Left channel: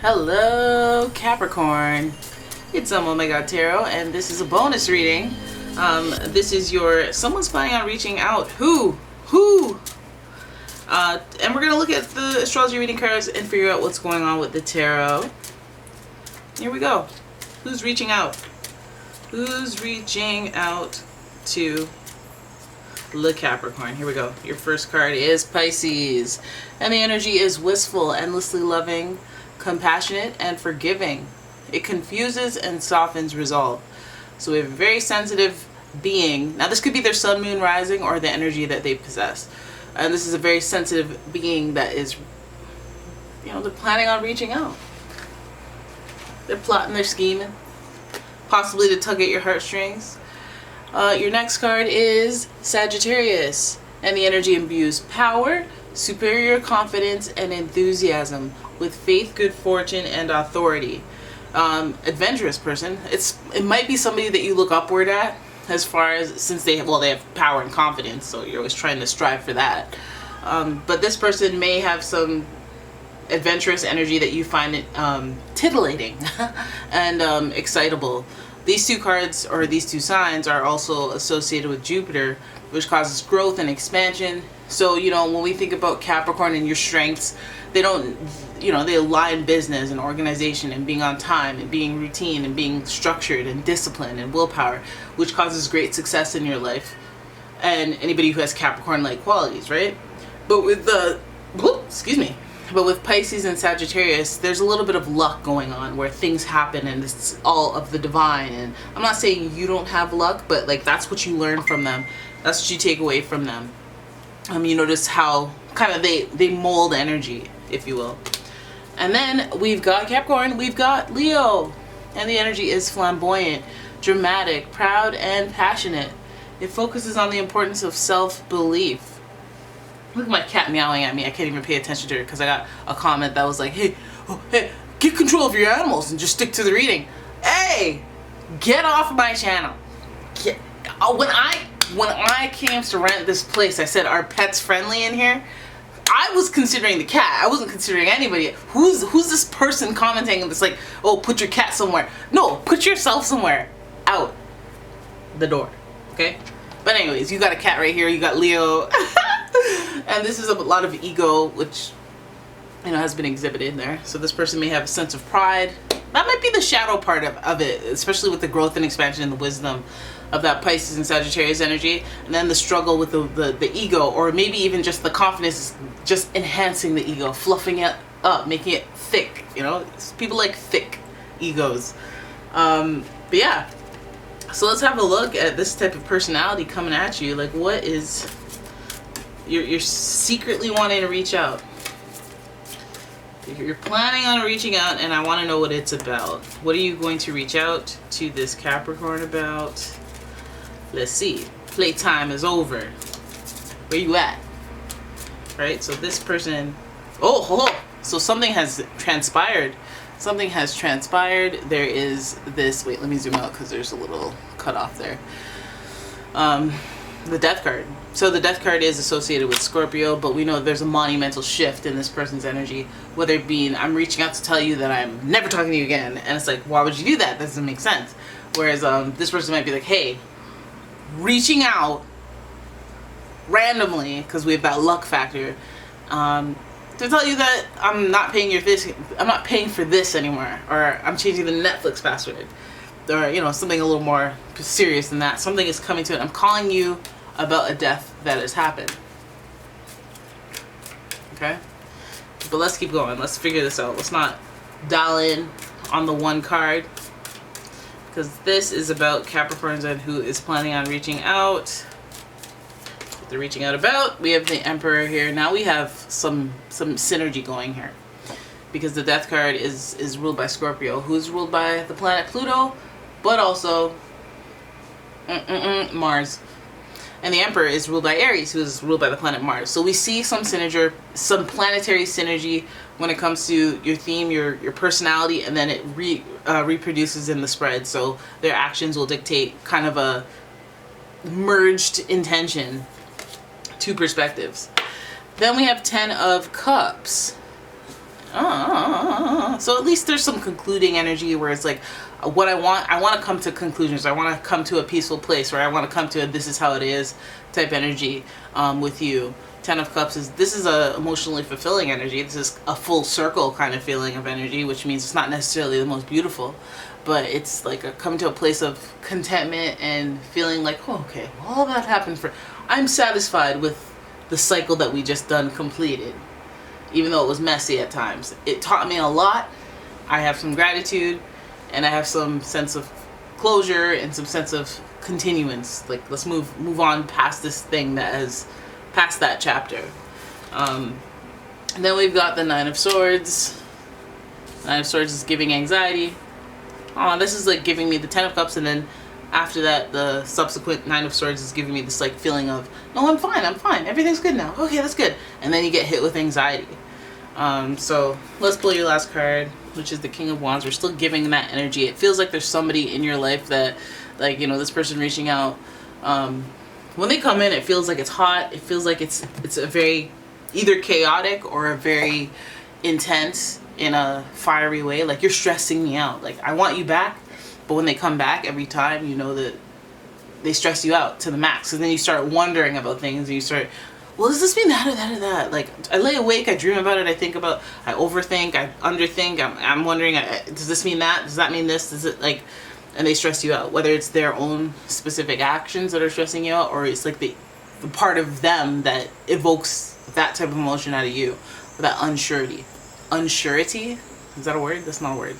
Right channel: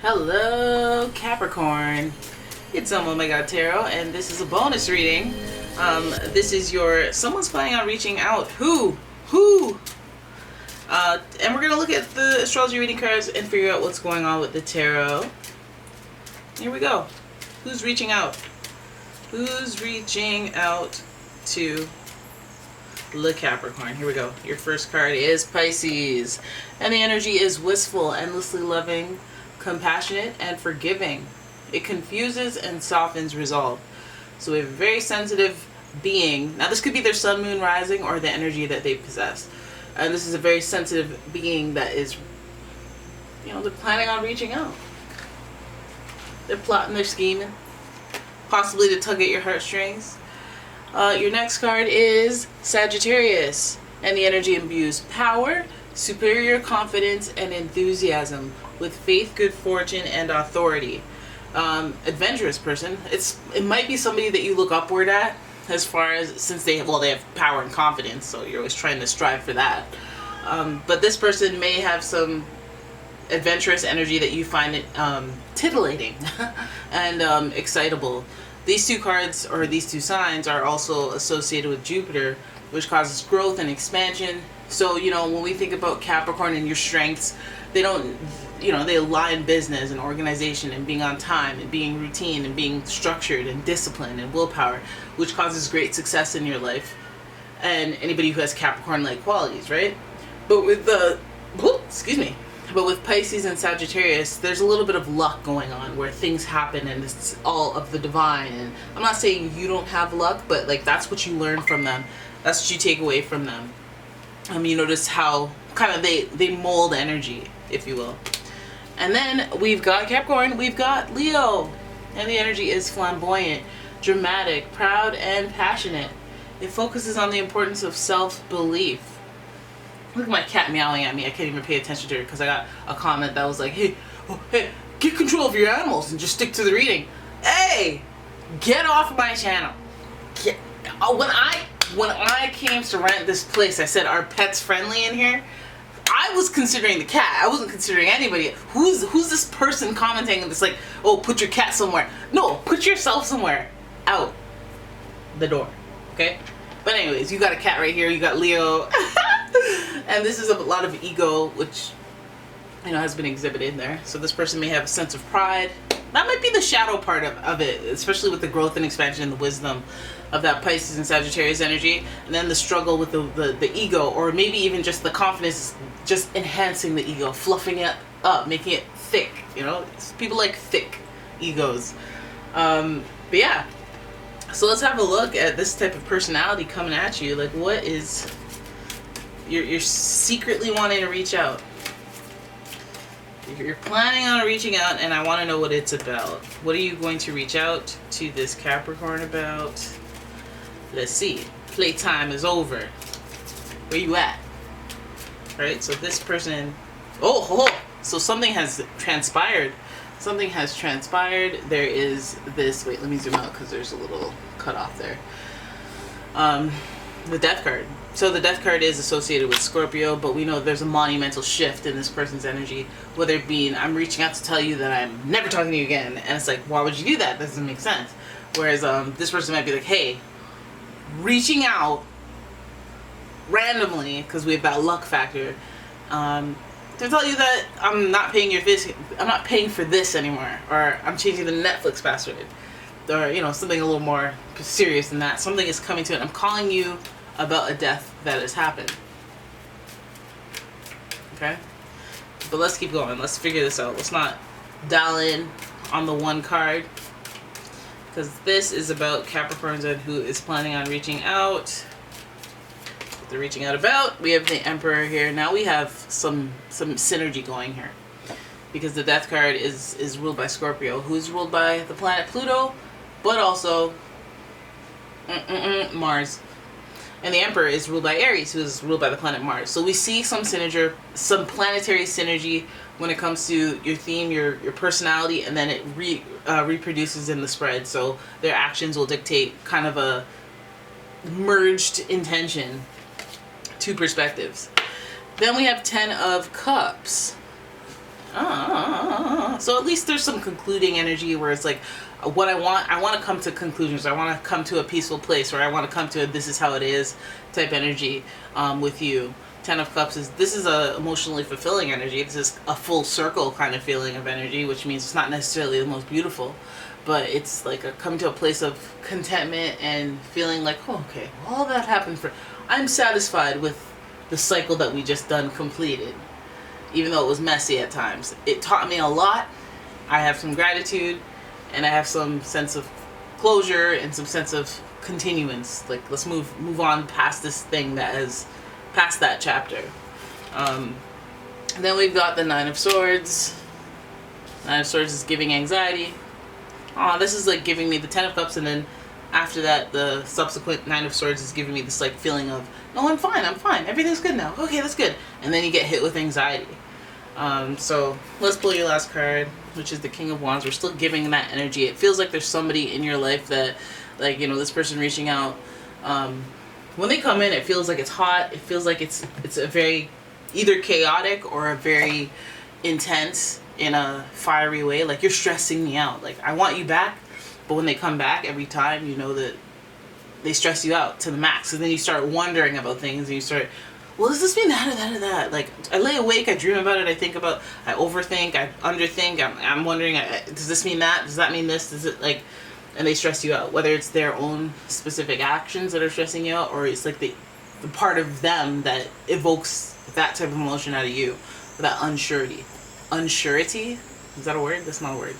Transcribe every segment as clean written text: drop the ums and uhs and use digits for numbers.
Hello, Capricorn. It's umomgtarot, and this is a bonus reading. This is someone's planning on reaching out. Who? And we're gonna look at the astrology reading cards and figure out what's going on with the tarot. Here we go. Who's reaching out? Who's reaching out to the Capricorn? Here we go. Your first card is Pisces, and the energy is wistful, endlessly loving, compassionate, and forgiving. It confuses and softens resolve. So we have a very sensitive being. Now this could be their sun, moon, rising, or the energy that they possess. And this is a very sensitive being that is, they're planning on reaching out. They're plotting, they're scheming, possibly to tug at your heartstrings. Your next card is Sagittarius, and the energy imbues power, superior confidence, and enthusiasm with faith, good fortune, and authority. Adventurous person. It might be somebody that you look upward at, as far as, since they have power and confidence, so you're always trying to strive for that. But this person may have some adventurous energy that you find it titillating and excitable. These two cards, or these two signs, are also associated with Jupiter, which causes growth and expansion. So, when we think about Capricorn and your strengths, they don't, they align business and organization and being on time and being routine and being structured and disciplined and willpower, which causes great success in your life. And anybody who has Capricorn-like qualities, right? But with But with Pisces and Sagittarius, there's a little bit of luck going on where things happen and it's all of the divine. And I'm not saying you don't have luck, but that's what you learn from them. That's what you take away from them. You notice how kind of they mold energy, if you will. And then we've got Capricorn, we've got Leo. And the energy is flamboyant, dramatic, proud, and passionate. It focuses on the importance of self-belief. Look at my cat meowing at me. I can't even pay attention to her because I got a comment that was like, hey, get control of your animals and just stick to the reading. Hey, get off my channel. When I came to rent this place, I said, are pets friendly in here? I was considering the cat. I wasn't considering anybody. Who's this person commenting and it's like, oh, put your cat somewhere. No, put yourself somewhere. Out the door. Okay? But anyways, you got a cat right here. You got Leo. And this is a lot of ego, which, has been exhibited there. So this person may have a sense of pride. That might be the shadow part of it, especially with the growth and expansion and the wisdom of that Pisces and Sagittarius energy. And then the struggle with the ego, or maybe even just the confidence, just enhancing the ego, fluffing it up, making it thick. People like thick egos. But yeah. So let's have a look at this type of personality coming at you. Like, what is... You're secretly wanting to reach out. You're planning on reaching out, and I want to know what it's about. What are you going to reach out to this Capricorn about? Let's see. Playtime is over. Where you at? Right? So this person... Oh! So something has transpired. Something has transpired. There is this... Wait, let me zoom out because there's a little cutoff there. The Death card. So the Death card is associated with Scorpio, but we know there's a monumental shift in this person's energy, whether it be, I'm reaching out to tell you that I'm never talking to you again, and it's like, why would you do that? That doesn't make sense. Whereas this person might be like, hey, reaching out randomly, because we have that luck factor, to tell you that I'm not paying for this anymore, or I'm changing the Netflix password, or something a little more serious than that. Something is coming to it. I'm calling you about a death that has happened. Okay? But let's keep going. Let's figure this out. Let's not dial in on the one card, because this is about Capricorns and who is planning on reaching out. What they're reaching out about. We have the Emperor here. Now we have some synergy going here, because the Death card is ruled by Scorpio, who's ruled by the planet Pluto, but also Mars. And the Emperor is ruled by Aries, who is ruled by the planet Mars. So we see some planetary synergy when it comes to your theme, your personality, and then it reproduces in the spread. So their actions will dictate kind of a merged intention, two perspectives. Then we have 10 of Cups. So at least there's some concluding energy where it's like, what I want to come to conclusions. I want to come to a peaceful place, or I want to come to a this is how it is type energy with you. Ten of Cups this is a emotionally fulfilling energy. This is a full circle kind of feeling of energy, which means it's not necessarily the most beautiful, but it's like a come to a place of contentment and feeling like, oh, okay, all that happened I'm satisfied with the cycle that we just done completed, even though it was messy at times. It taught me a lot. I have some gratitude, and I have some sense of closure and some sense of continuance. Like, let's move on past this thing that has past that chapter. And then we've got the Nine of Swords. Nine of Swords is giving anxiety. This is like giving me the Ten of Cups, and then after that, the subsequent Nine of Swords is giving me this like feeling of, no, I'm fine, everything's good now. Okay, that's good. And then you get hit with anxiety. So let's pull your last card, which is the King of Wands. We're still giving that energy. It feels like there's somebody in your life that, like, you know, this person reaching out. When they come in, it feels like it's hot. It feels like it's a very either chaotic or a very intense in a fiery way. Like, you're stressing me out. Like, I want you back, but when they come back every time, you know that they stress you out to the max. And then you start wondering about things, and you start, well, does this mean that or that or that? Like, I lay awake, I dream about it, I think about, I overthink, I underthink, I'm wondering, does this mean that? Does that mean this? Does it, like, and they stress you out, whether it's their own specific actions that are stressing you out, or it's like the part of them that evokes that type of emotion out of you, that unsurety. Unsurety? Is that a word? That's not a word.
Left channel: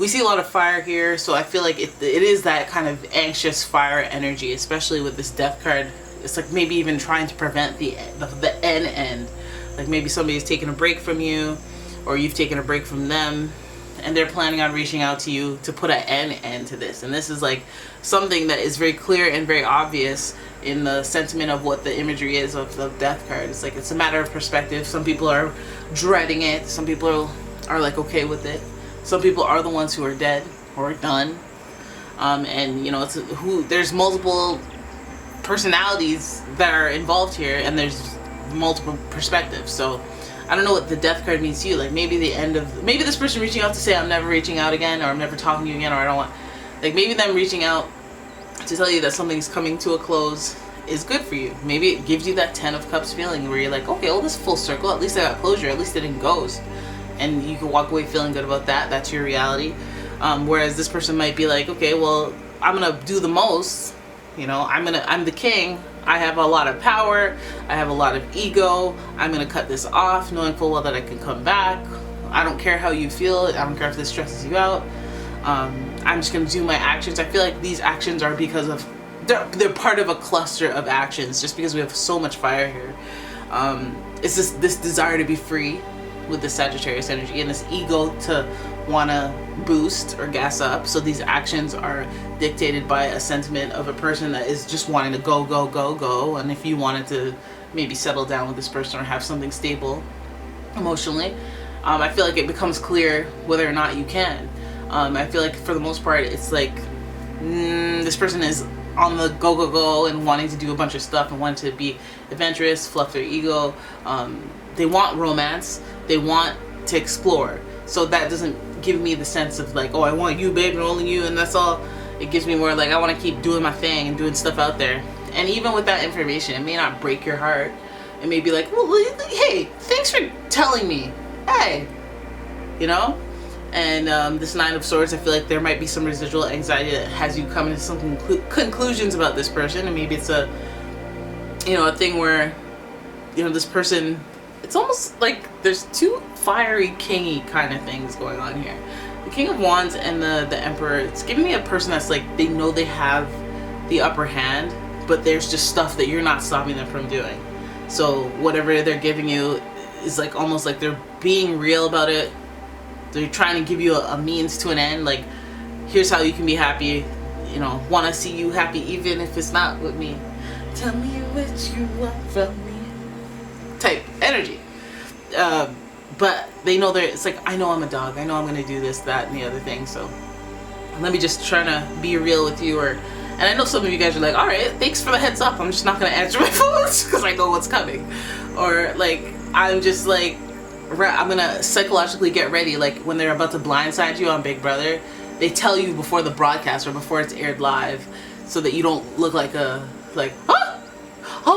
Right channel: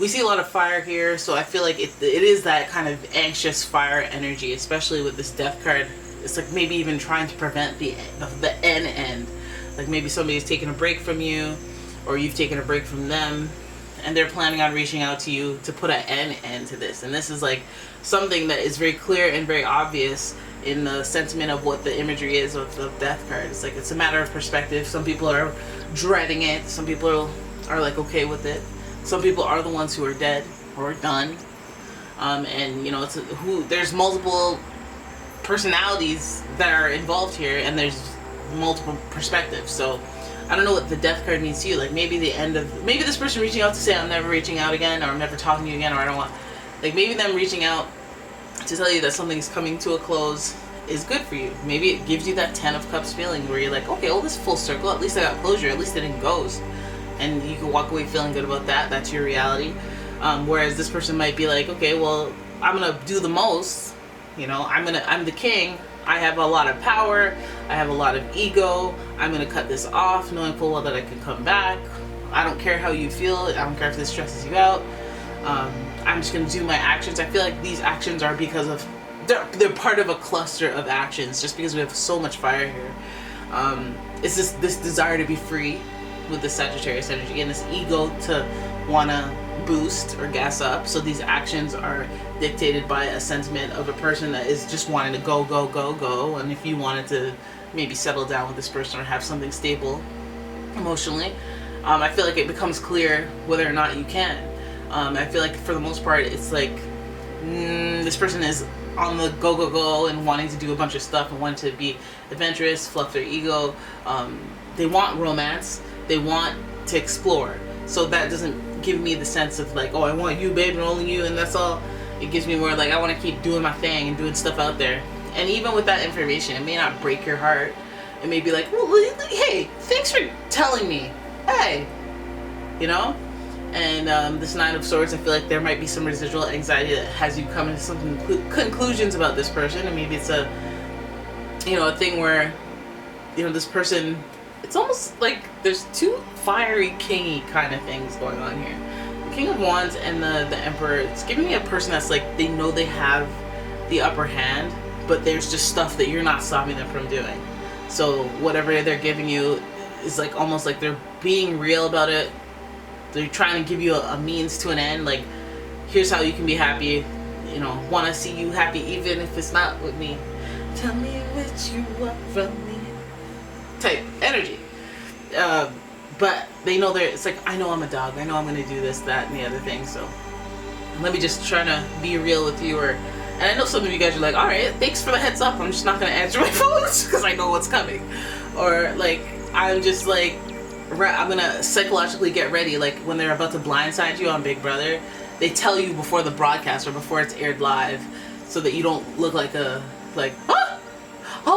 We see a lot of fire here, so I feel like it is that kind of anxious fire energy, especially with this Death card. It's like maybe even trying to prevent the end. Like, maybe somebody's taking a break from you, or you've taken a break from them, and they're planning on reaching out to you to put an end to this. And this is like something that is very clear and very obvious in the sentiment of what the imagery is of the Death card. It's like, it's a matter of perspective. Some people are dreading it. Some people are like okay with it. Some people are the ones who are dead or done. And, you know, there's multiple personalities that are involved here, and there's multiple perspectives. So I don't know what the Death card means to you. Like, maybe maybe this person reaching out to say, I'm never reaching out again, or I'm never talking to you again, or I don't want, like, maybe them reaching out to tell you that something's coming to a close is good for you. Maybe it gives you that Ten of Cups feeling where you're like, okay, well, this is full circle. At least I got closure. At least it didn't ghost. And you can walk away feeling good about that. That's your reality. Whereas this person might be like, okay, well, I'm going to do the most. You know, I'm the king. I have a lot of power. I have a lot of ego. I'm going to cut this off, knowing full well that I can come back. I don't care how you feel. I don't care if this stresses you out. I'm just going to do my actions. I feel like these actions are because of, they're part of a cluster of actions, just because we have so much fire here. It's just this desire to be free with the Sagittarius energy, and this ego to want to boost or gas up. So these actions are dictated by a sentiment of a person that is just wanting to go, go, go, go. And if you wanted to maybe settle down with this person or have something stable emotionally, I feel like it becomes clear whether or not you can. I feel like for the most part, it's like this person is on the go, go, go and wanting to do a bunch of stuff and wanting to be adventurous, fluff their ego. They want romance. They want to explore. So that doesn't give me the sense of like, oh, I want you, babe, and only you, and that's all. It gives me more like, I want to keep doing my thing and doing stuff out there. And even with that information, it may not break your heart. It may be like, well, hey, thanks for telling me. Hey, you know? And this Nine of Swords, I feel like there might be some residual anxiety that has you come into some conclusions about this person. And maybe it's a thing where, you know, this person, it's almost like there's two fiery, kingy kind of things going on here. The King of Wands and the Emperor, it's giving me a person that's like, they know they have the upper hand, but there's just stuff that you're not stopping them from doing. So whatever they're giving you is like almost like they're being real about it. They're trying to give you a means to an end. Like, here's how you can be happy. You know, want to see you happy even if it's not with me. Tell me what you want from me. Type energy. But they know it's like, I know I'm a dog. I know I'm going to do this, that, and the other thing. So let me just try to be real with you. And I know some of you guys are like, all right, thanks for the heads up. I'm just not going to answer my phones because I know what's coming. Or like, I'm just like, I'm gonna psychologically get ready. Like when they're about to blindside you on Big Brother, they tell you before the broadcast or before it's aired live, so that you don't look like oh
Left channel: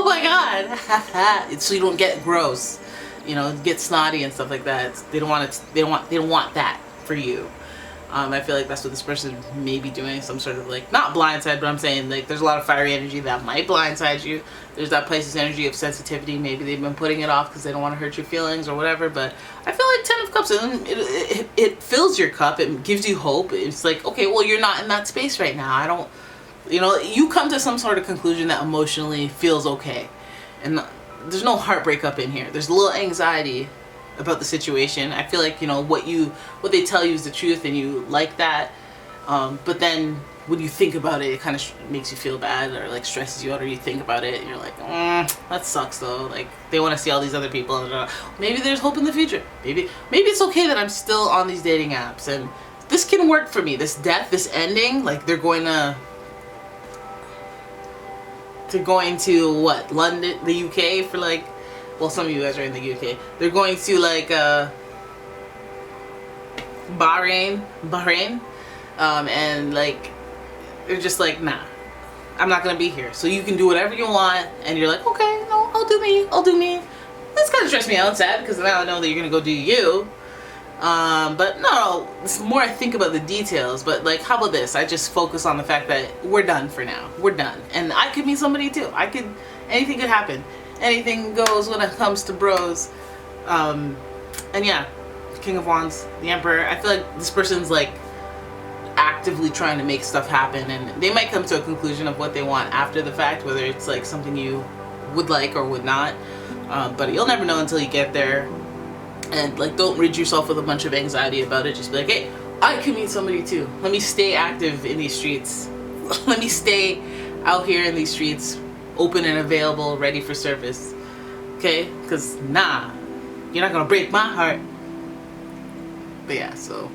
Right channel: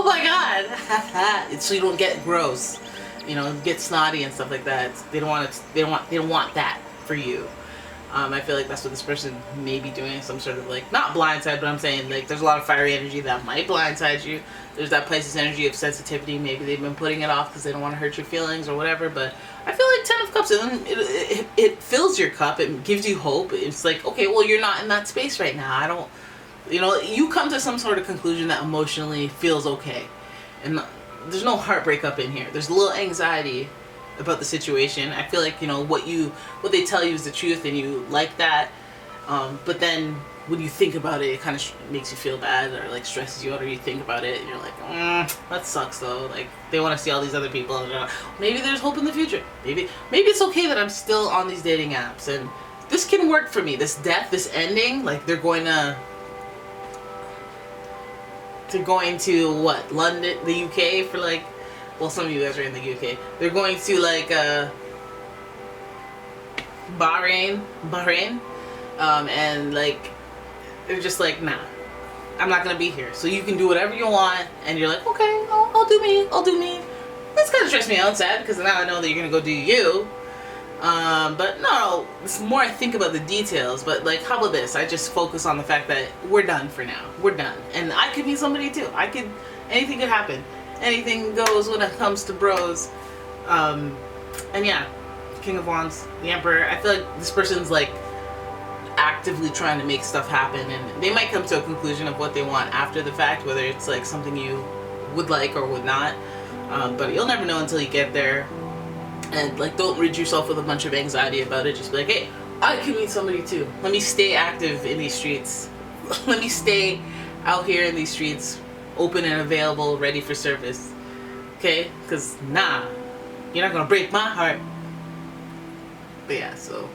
my god, so you don't get gross, you know, get snotty and stuff like that. They don't want it. They don't want that for you. I feel like that's what this person may be doing, some sort of like, not blindside, but I'm saying like there's a lot of fiery energy that might blindside you. There's that Pisces energy of sensitivity. Maybe they've been putting it off because they don't want to hurt your feelings or whatever. But I feel like 10 of Cups, it fills your cup. It gives you hope. It's like, okay, well, you're not in that space right now. I don't, you know, you come to some sort of conclusion that emotionally feels okay. And there's no heartbreak up in here. There's a little anxiety about the situation. I feel like, you know, what they tell you is the truth and you like that, but then when you think about it, it kind of makes you feel bad or like stresses you out, or you think about it and you're like, that sucks though. Like they want to see all these other people and maybe there's hope in the future. Maybe it's okay that I'm still on these dating apps and this can work for me. This death, this ending, like they're going to what, London, the UK for like, well, some of you guys are in the UK. They're going to like Bahrain, and like they're just like, nah, I'm not gonna be here. So you can do whatever you want, and you're like, okay, no, I'll do me. That's kind of stressed me out, sad, because now I know that you're gonna go do you. But no, it's more I think about the details. But like, how about this? I just focus on the fact that we're done for now. We're done, and I could meet somebody too. Anything could happen. Anything goes when it comes to bros. And yeah, King of Wands, the Emperor. I feel like this person's like actively trying to make stuff happen, and they might come to a conclusion of what they want after the fact, whether it's like something you would like or would not. But you'll never know until you get there. And like, don't rid yourself with a bunch of anxiety about it. Just be like, hey, I can meet somebody too. Let me stay active in these streets. Let me stay out here in these streets, open and available, ready for service. Okay? Because nah, you're not gonna break my heart. But yeah, so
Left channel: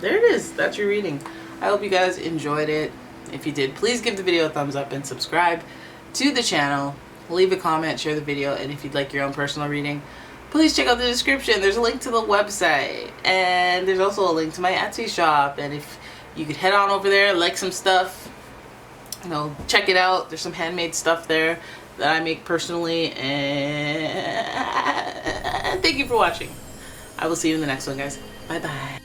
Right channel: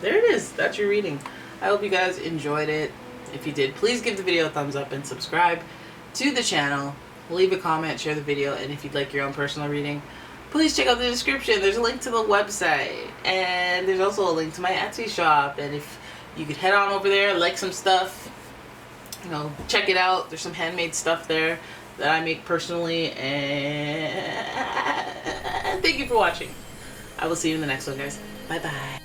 there it is. That's your reading. I hope you guys enjoyed it. If you did, please give the video a thumbs up and subscribe to the channel. Leave a comment, share the video, and if you'd like your own personal reading, please check out the description. There's a link to the website, and there's also a link to my Etsy shop. And if you could head on over there, like some stuff, you know, check it out. There's some handmade stuff there that I make personally. And thank you for watching. I will see you in the next one, guys. Bye bye.